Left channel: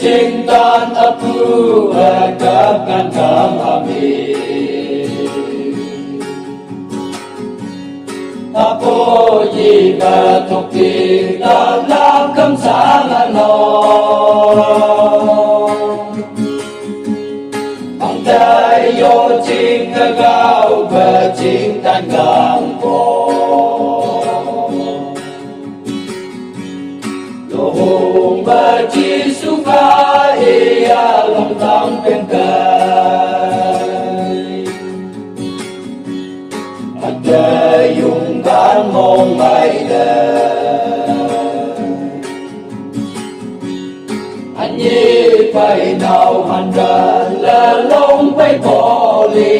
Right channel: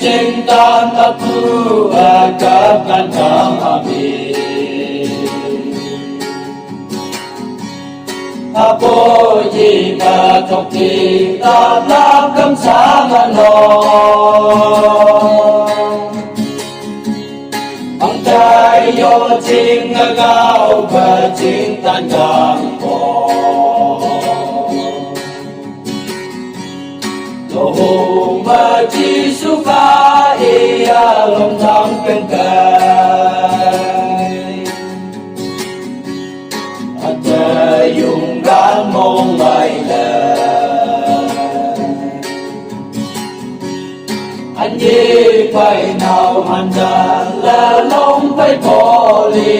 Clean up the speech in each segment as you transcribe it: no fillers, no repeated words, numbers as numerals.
Cintaan aku akan kami Apo jika toki dalam kamsangan Ang tayo tingagaw kecintaan gangko Lohong baji suka ia longkang pengkai Ada yung gan mong mailan Anyi phải nào hoàn toàn là lông phải bỏ đi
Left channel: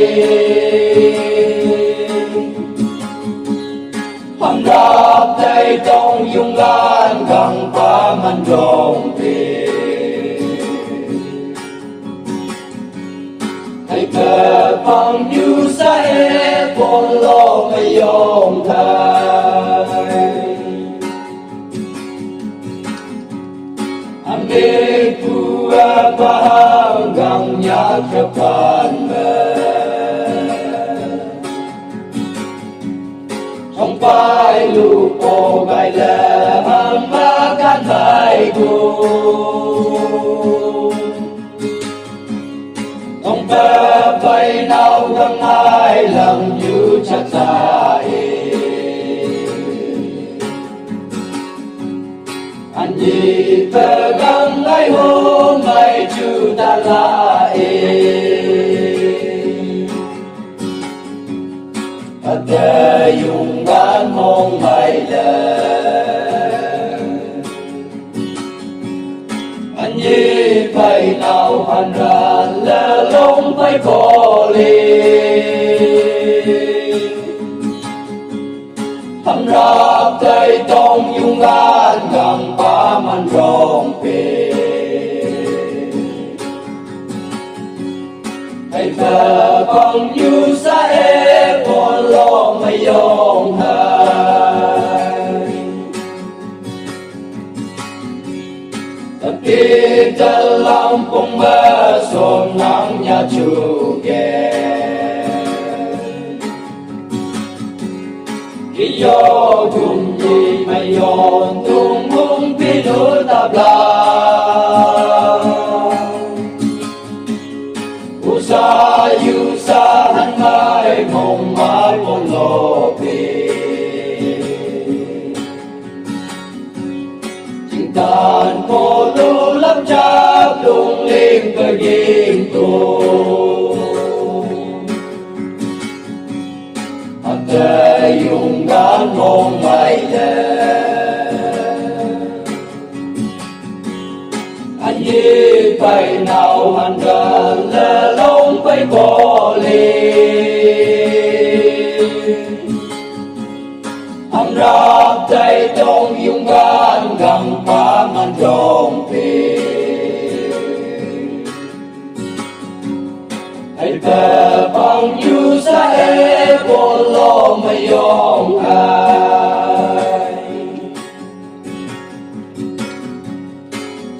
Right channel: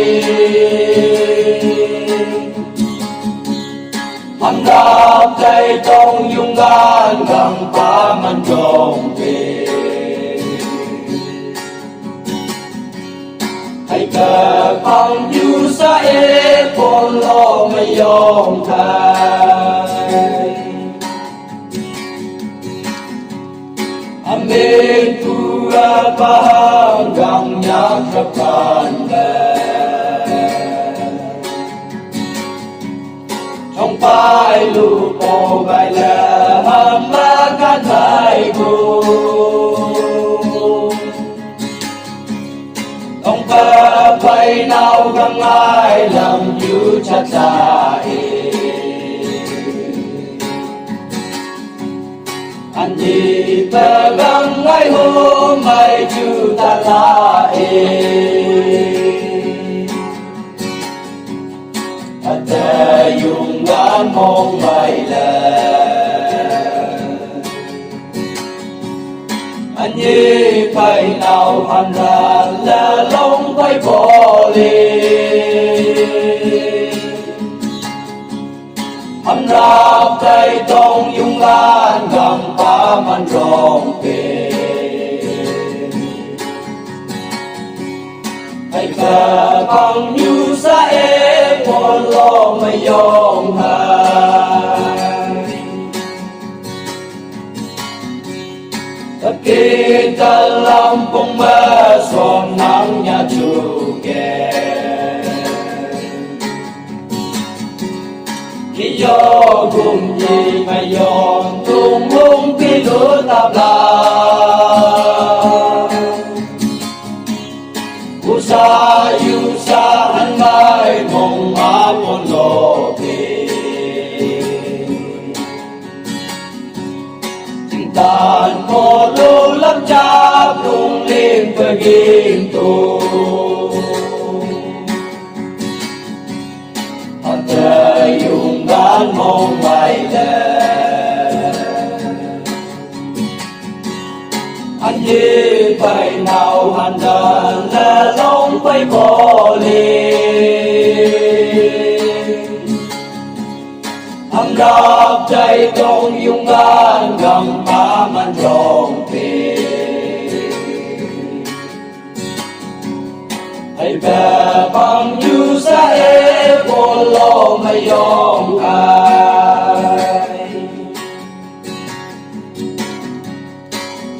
Hàm rạp tay trong dung gan găng phá man rộng về Hãy cờ bằng như xa ế con lo mà yong thay Ambil tua pahang gang nhạc rập bàn Trong vai lũ cô gai lẻ hàm ba can thái bù Trong ba bay nào găng ai lòng như chát dài Anh đi ta găng ai hôm mai chú ta lại Ada yung gan mong mailan Anh như phải nào hoàn toàn là lông phải bỏ đi Hàm rạp tay trong dung gan găng phá man rộng về Hãy cờ bằng như xa ế con lo mà yong hai Tất kỳ ta lòng bông bơ xôn nắng nhà chủ kè Khi gió cùng gì mà yong tung mông khi đứa tạp la Usa han mai mong man mon lo pe Cintaan ko lo lap chap lung lim ke gintu Ada yung gan mong mailan Anh như phải nào hoàn toàn là lông phải bỏ đi Hàm rạp tay trong dung gan găng phá man rộng về Hãy về bằng như xa ế con lo mà yong hai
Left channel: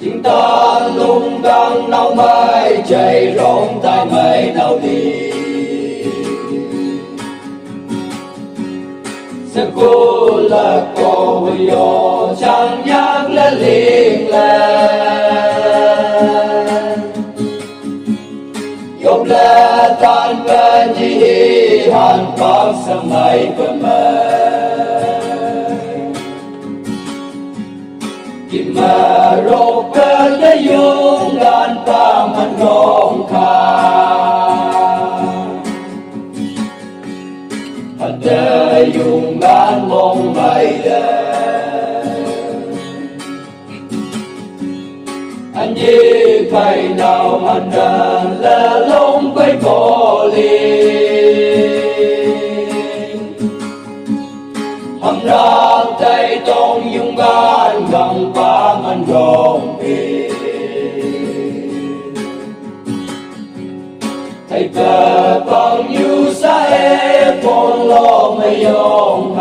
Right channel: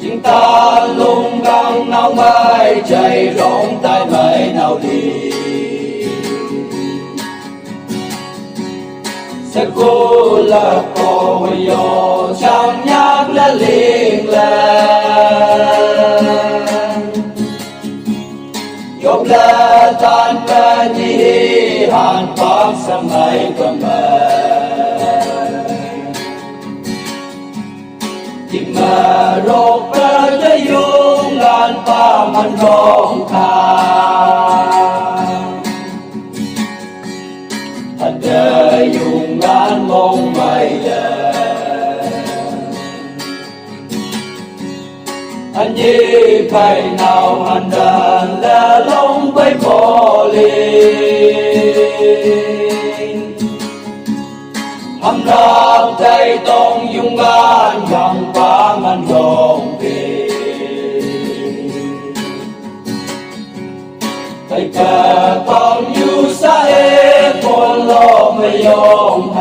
Chính ta lung găng nào mai chạy rộng tay mây nào đi Sẽ cô là cô yo chẳng nhắc là liên lan Dọc là tan ca chi hàn pháp sang ngày cầm Kim mà rộp ra đã dung gan phá man rộng khá Ada yung gan mong mailan Anh như phải nào hoàn toàn là lông phải bỏ đi Hàm rạp tay trong dung gan găng phá man rộng về Hãy cờ bằng như xa ế con lo mà yong